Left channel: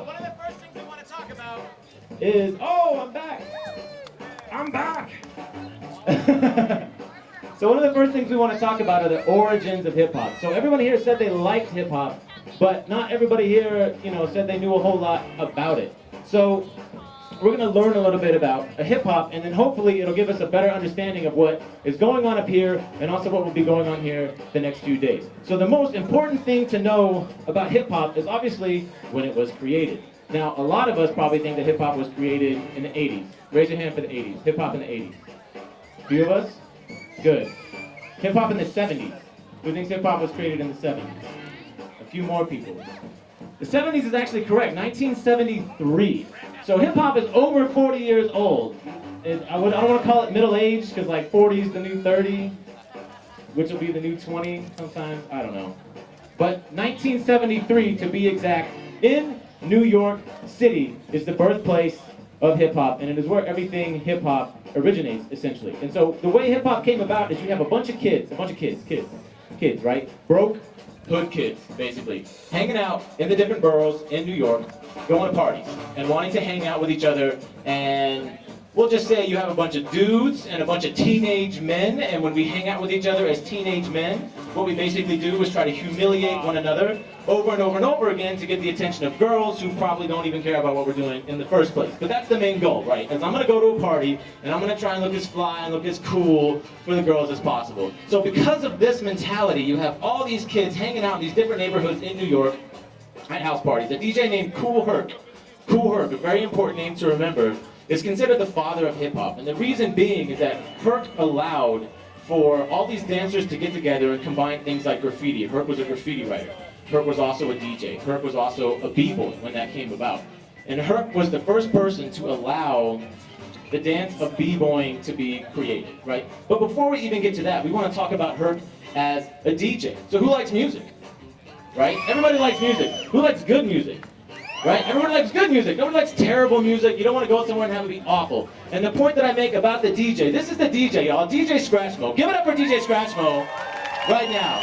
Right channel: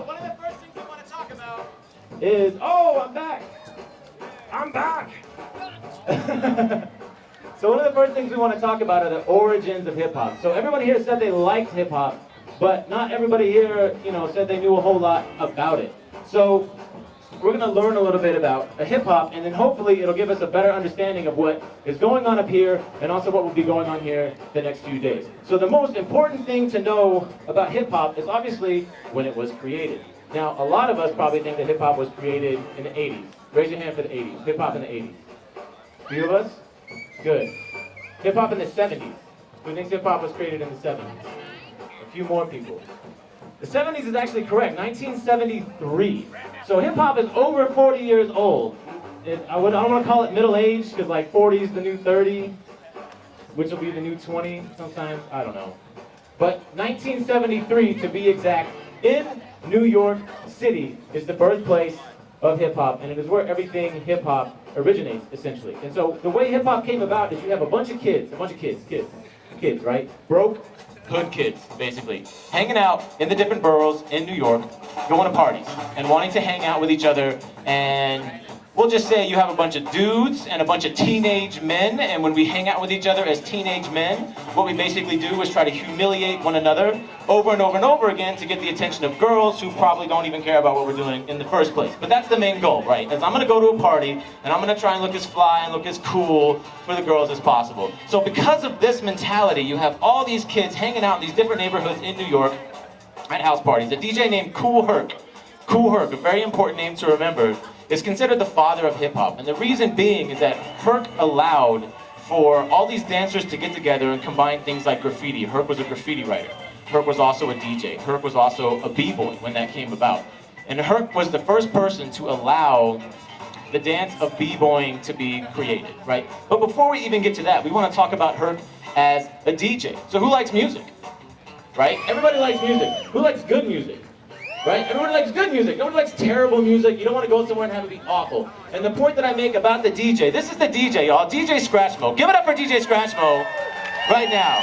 one of the first things we want to talk about is, oh, I'm back. I'm back. So one of the first things we want to talk about are the origins of hip hop. So everyone here said they liked hip hop, but not everybody here, said they knew a whole lot about it. So we're going to learn a little bit about hip hop, and then hopefully it'll give us a better understanding of what is going on up here, and also what will be going on here the next few days. So the most important thing to know about hip hop is obviously when it was created. Now, a lot of us probably think that hip hop was created in the 80s. Raise your hand for the 80s. Hip hop in the 80s. A few of us? Good. Hip hop in the 70s. Who thinks hip hop was created in the 70s? A few more people. The 70s is actually correct, 1973. So hip hop is over 40 years old. I don't want to call it middle age, because like 40 is the new 30, which will be the new 20 sometime, I don't know. But 1973, to be exact, in New York City is the birthplace of hip hop, and it is where everything hip hop originates, essentially. And so the way hip hop came about is you have a bunch of kids, right? Broke hood kids, basically, hanging out in the different boroughs in New York, going to parties, and wanting to hang out with each other, and we'll just say you have a bunch of dudes and a bunch of teenage men, and when we hang out with each other as teenage men, what we basically do is try to humiliate one another over and over and over again to get the attention of girls who probably don't even care about what we're doing in the first place. But that's the main goal, right? Is I'm going to go to a party, and I'm going to try and look as fly and look as cool for the girls as possible. So because of this mentality, you have all these kids hanging out in these different neighborhoods in New York at house parties. A DJ named Kool Herc, a very important name to remember, is considered the father of hip-hop. And the reason being is that Herc allowed for all these dancers to get together and combine things like graffiti. Herc was a graffiti writer. Herc was also a DJ. Herc was also a B-boy when that came about. And Herc was the first person to allow the dance of B-boying to be created, right? But before we even get to that, we want to talk about Herc as a DJ. So who likes music? Right? Everybody likes music. Who likes good music? Right? Everyone likes good music. Nobody likes terrible music. You don't want to go somewhere and have it be awful. And the point that I make about the DJ, this is the DJ, y'all. DJ Scratchmo. Give it up for DJ Scratchmo right now.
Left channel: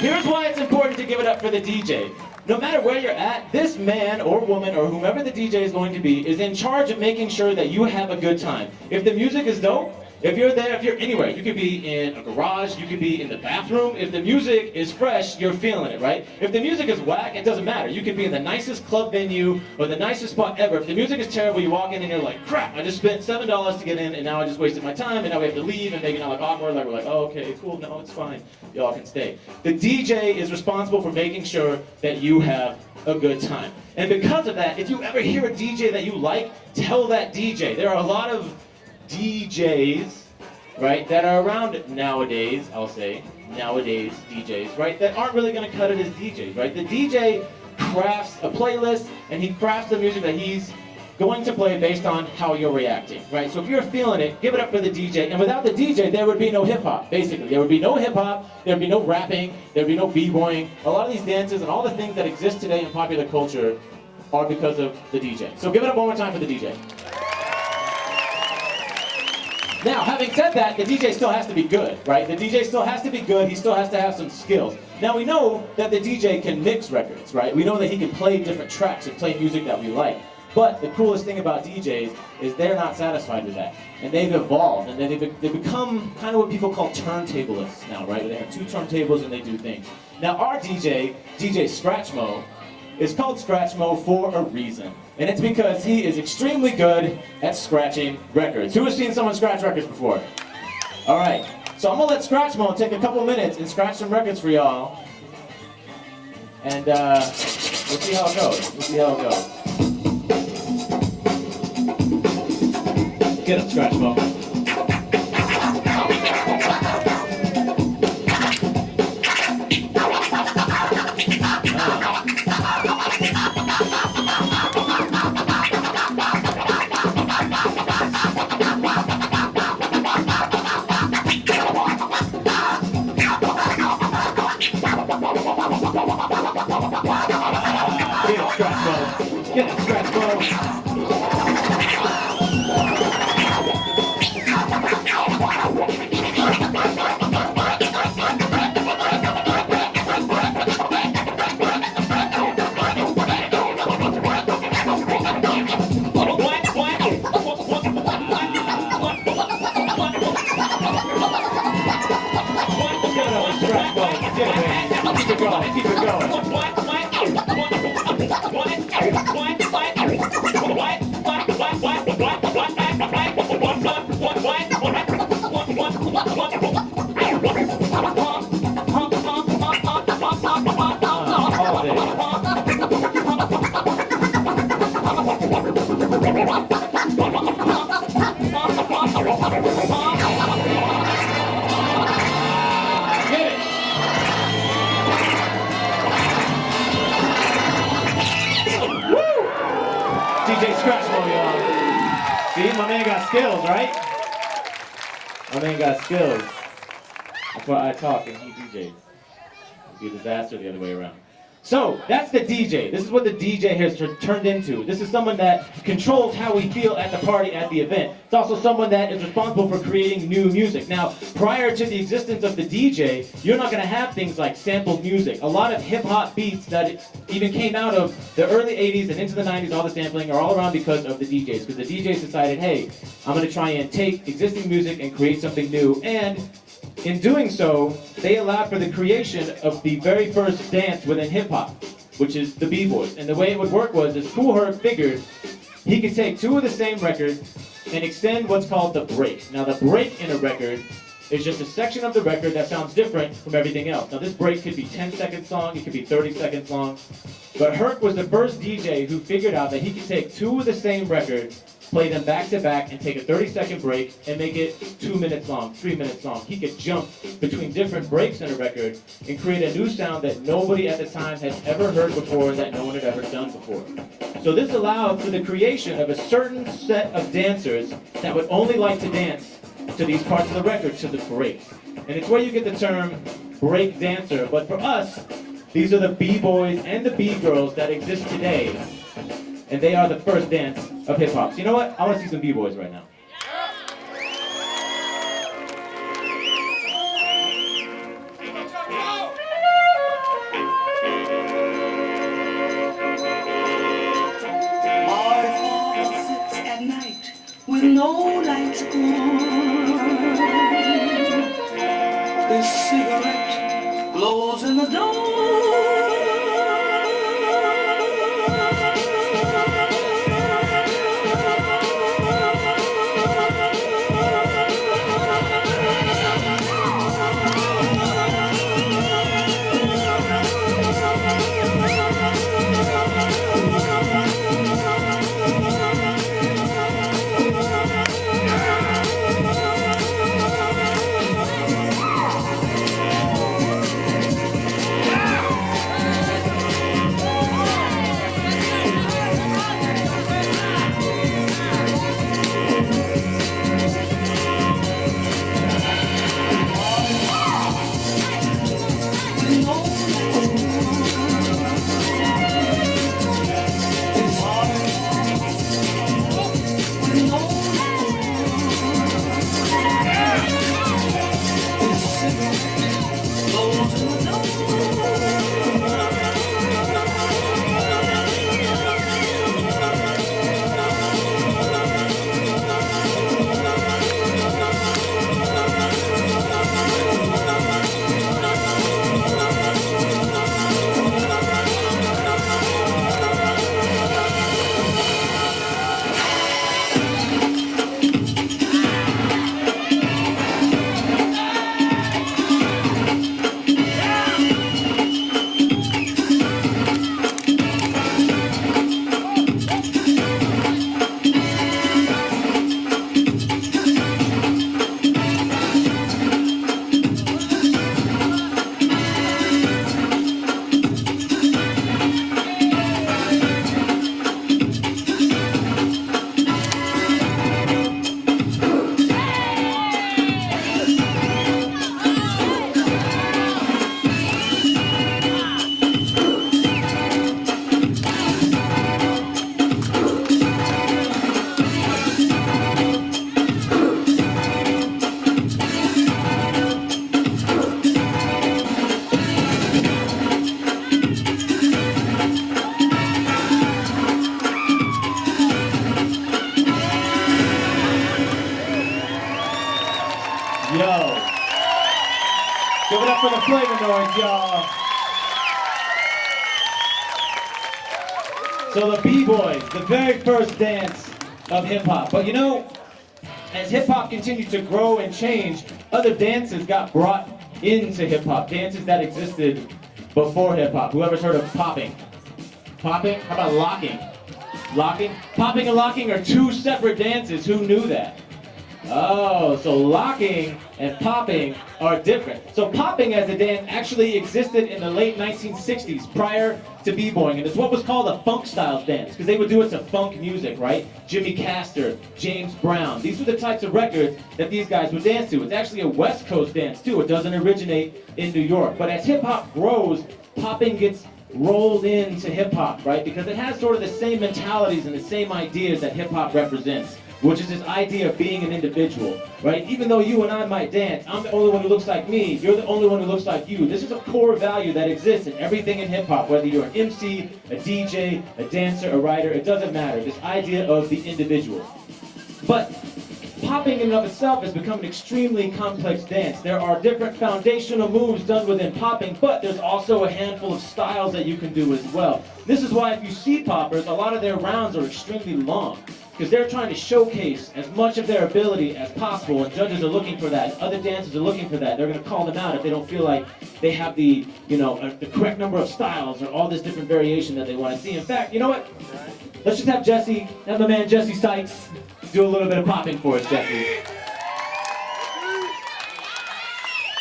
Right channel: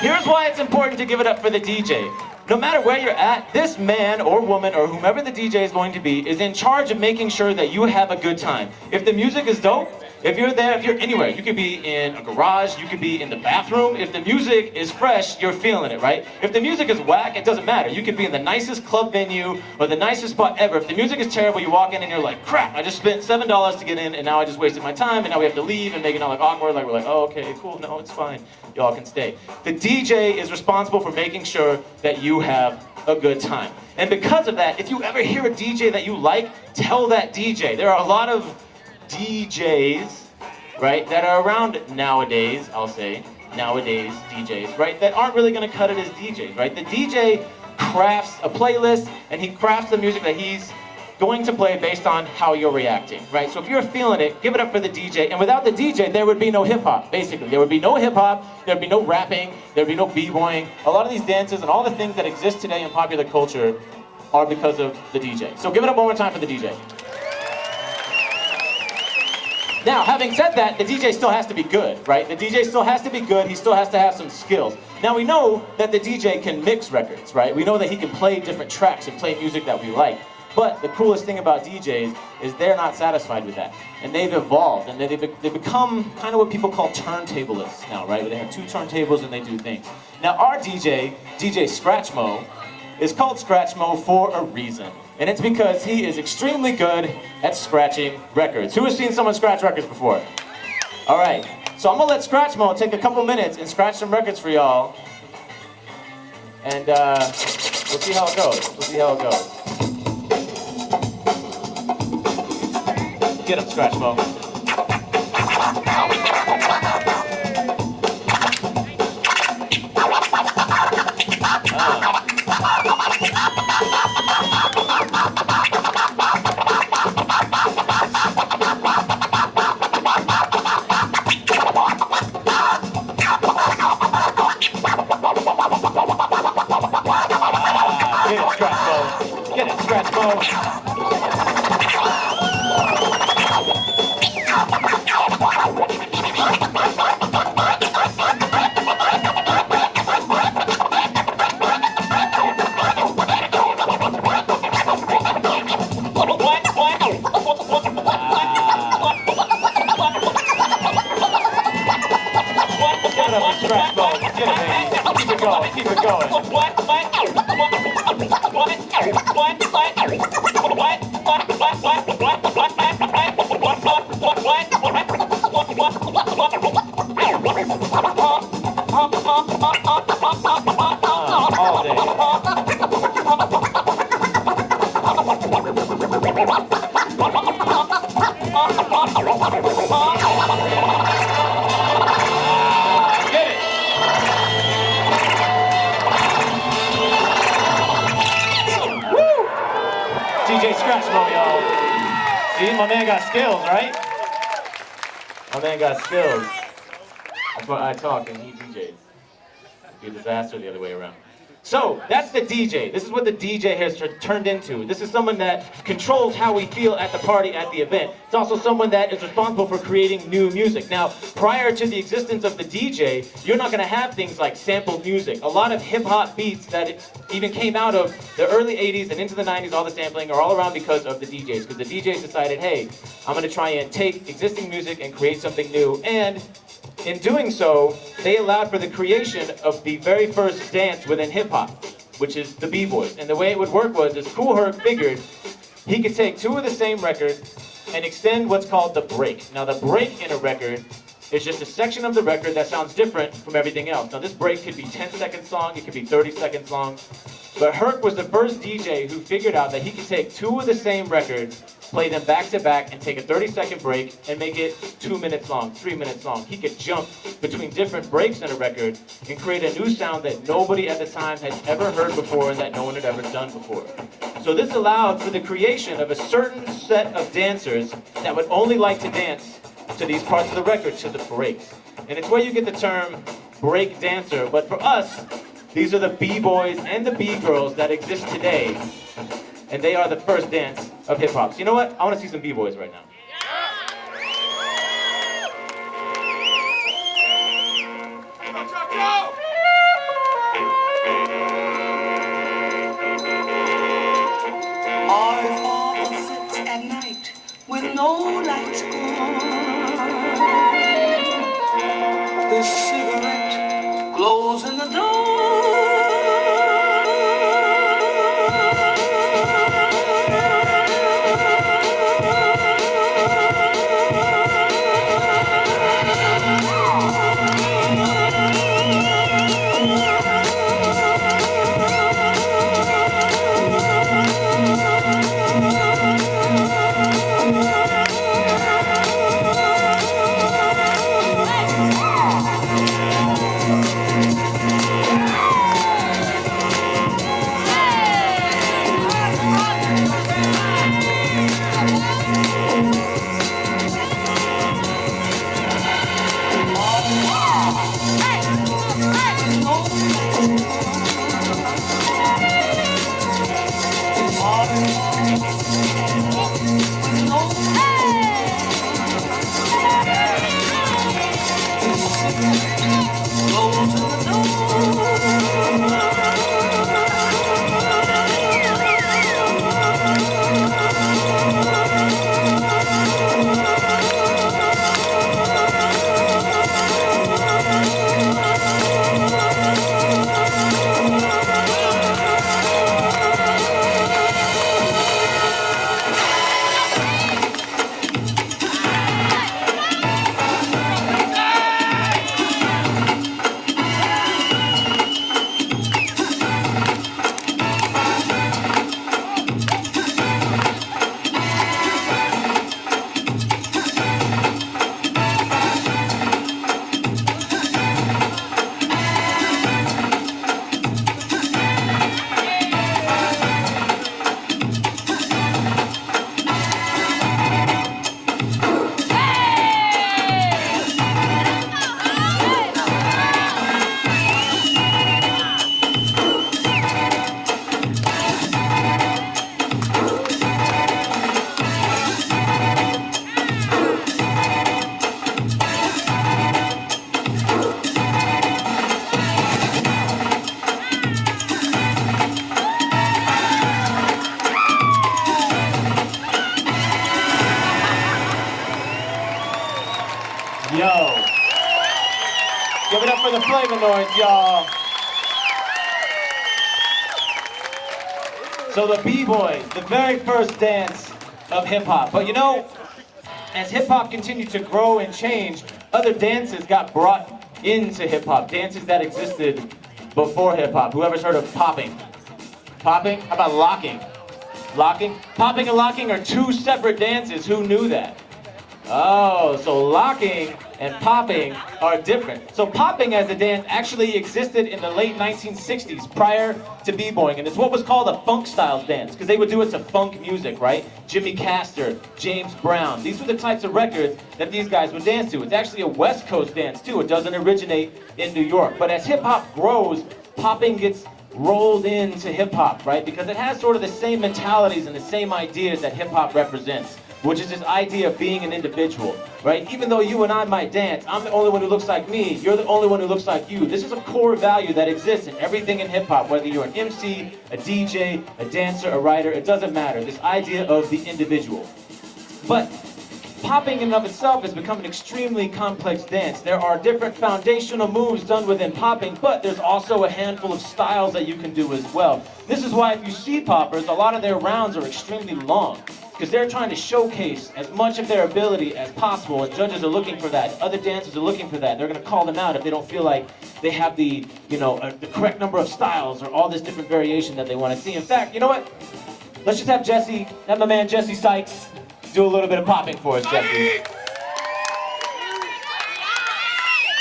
Here's why it's important to give it up for the DJ. No matter where you're at, this man or woman or whomever the DJ is going to be is in charge of making sure that you have a good time. If the music is dope, if you're there, if you're anywhere, you could be in a garage, you could be in the bathroom. If the music is fresh, you're feeling it, right? If the music is whack, it doesn't matter. You could be in the nicest club venue or the nicest spot ever. If the music is terrible, you walk in and you're like, crap, I just spent $7 to get in and now I just wasted my time and now we have to leave and make it all like awkward. Like we're like, oh, okay, cool, no, it's fine. Y'all can stay. The DJ is responsible for making sure that you have a good time. And because of that, if you ever hear a DJ that you like, tell that DJ. There are a lot of DJs, right, that are around nowadays, I'll say, nowadays DJs, right, that aren't really going to cut it as DJs, right? The DJ crafts a playlist, and he crafts the music that he's going to play based on how you're reacting, right? So if you're feeling it, give it up for the DJ, and without the DJ, there would be no hip-hop, basically. There would be no hip-hop, there would be no rapping, there would be no b-boying. A lot of these dances and all the things that exist today in popular culture are because of the DJ. So give it up one more time for the DJ. Now, having said that, the DJ still has to be good, right? The DJ still has to be good, he still has to have some skills. Now, we know that the DJ can mix records, right? We know that he can play different tracks and play music that we like. But the coolest thing about DJs is they're not satisfied with that. And they've evolved, and they've become kind of what people call turntablists now, right? They have two turntables and they do things. Now, our DJ, DJ Scratchmo, is called Scratchmo for a reason. And it's because he is extremely good at scratching records. Who has seen someone scratch records before? All right, so I'm gonna let Scratchmo take a couple minutes and scratch some records for y'all. And we'll see how it goes. We'll see how it goes. Get him, Scratchmo. Get it, Scratchmo. See, my man got skills, right? My man got skills. That's why I talk and he DJs. It'd be a disaster the other way around. So, that's the DJ. This is what the DJ has turned into. This is someone that controls how we feel at the party, at the event. It's also someone that is responsible for creating new music. Now, prior to the existence of the DJ, you're not going to have things like sampled music. A lot of hip-hop beats that even came out of the early 80s and into the 90s, all the sampling, are all around because of the DJs. Because the DJs decided, hey, I'm going to try and take existing music and create something new. And in doing so, they allowed for the creation of the very first dance within hip-hop, which is the B-Boys. And the way it would work was, is Kool Herc figured he could take two of the same records and extend what's called the break. Now, the break in a record is just a section of the record that sounds different from everything else. Now, this break could be 10 seconds long, it could be 30 seconds long, but Herc was the first DJ who figured out that he could take two of the same records, play them back to back, and take a 30-second break and make it 2 minutes long, 3 minutes long. He could jump between different breaks in a record and create a new sound that nobody at the time had ever heard before and that no one had ever done before. So this allowed for the creation of a certain set of dancers that would only like to dance to these parts of the record, to the breaks. And it's where you get the term break dancer. But for us, these are the B-boys and the B-girls that exist today. And they are the first dance of hip-hop. So you know what? I want to see some B-boys right now. Our father sits at night with no lights on. His cigarette glows in the dark. Yo. Give it up for the Flavanoids, y'all. So the B-Boys, the very first dance of hip-hop. But you know, as hip-hop continued to grow and change, other dances got brought into hip-hop. Dances that existed before hip-hop. Whoever's heard of popping? Popping? How about locking? Locking? Popping and locking are two separate dances. Who knew that? Oh, so locking and popping are different. So popping as a dance actually existed in the late 1960s prior to b-boying, and it's what was called a funk style dance because they would do it to funk music, right? Jimmy Castor, James Brown, these were the types of records that these guys would dance to. It's actually a West Coast dance too. It doesn't originate in New York. But as hip hop grows, popping gets rolled into hip hop, right? Because it has sort of the same mentalities and the same ideas that hip hop represents, which is this idea of being an individual, right? Even though you and I might dance, I'm the only one who looks like me, you're the only one who looks like you. This is a core value that exists in everything in hip hop, whether you're an MC, a DJ, a dancer, a writer, it doesn't matter. This idea of the individual. But popping in and of itself has become an extremely complex dance. There are different foundational moves done within popping, but there's also a handful of styles that you can do as well. This is why if you see poppers, a lot of their rounds are extremely long, because they're trying to showcase as much of their ability as possible, and judges are looking for that. Other dancers are looking for that. They're going to call them out if they don't feel like they have the, the correct number of styles or all this different variation that they want to see. In fact, you know what? Let's just have my man Jesse Sykes do a little bit of popping for us, Jesse.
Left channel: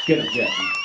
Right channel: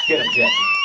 Get him, Jesse.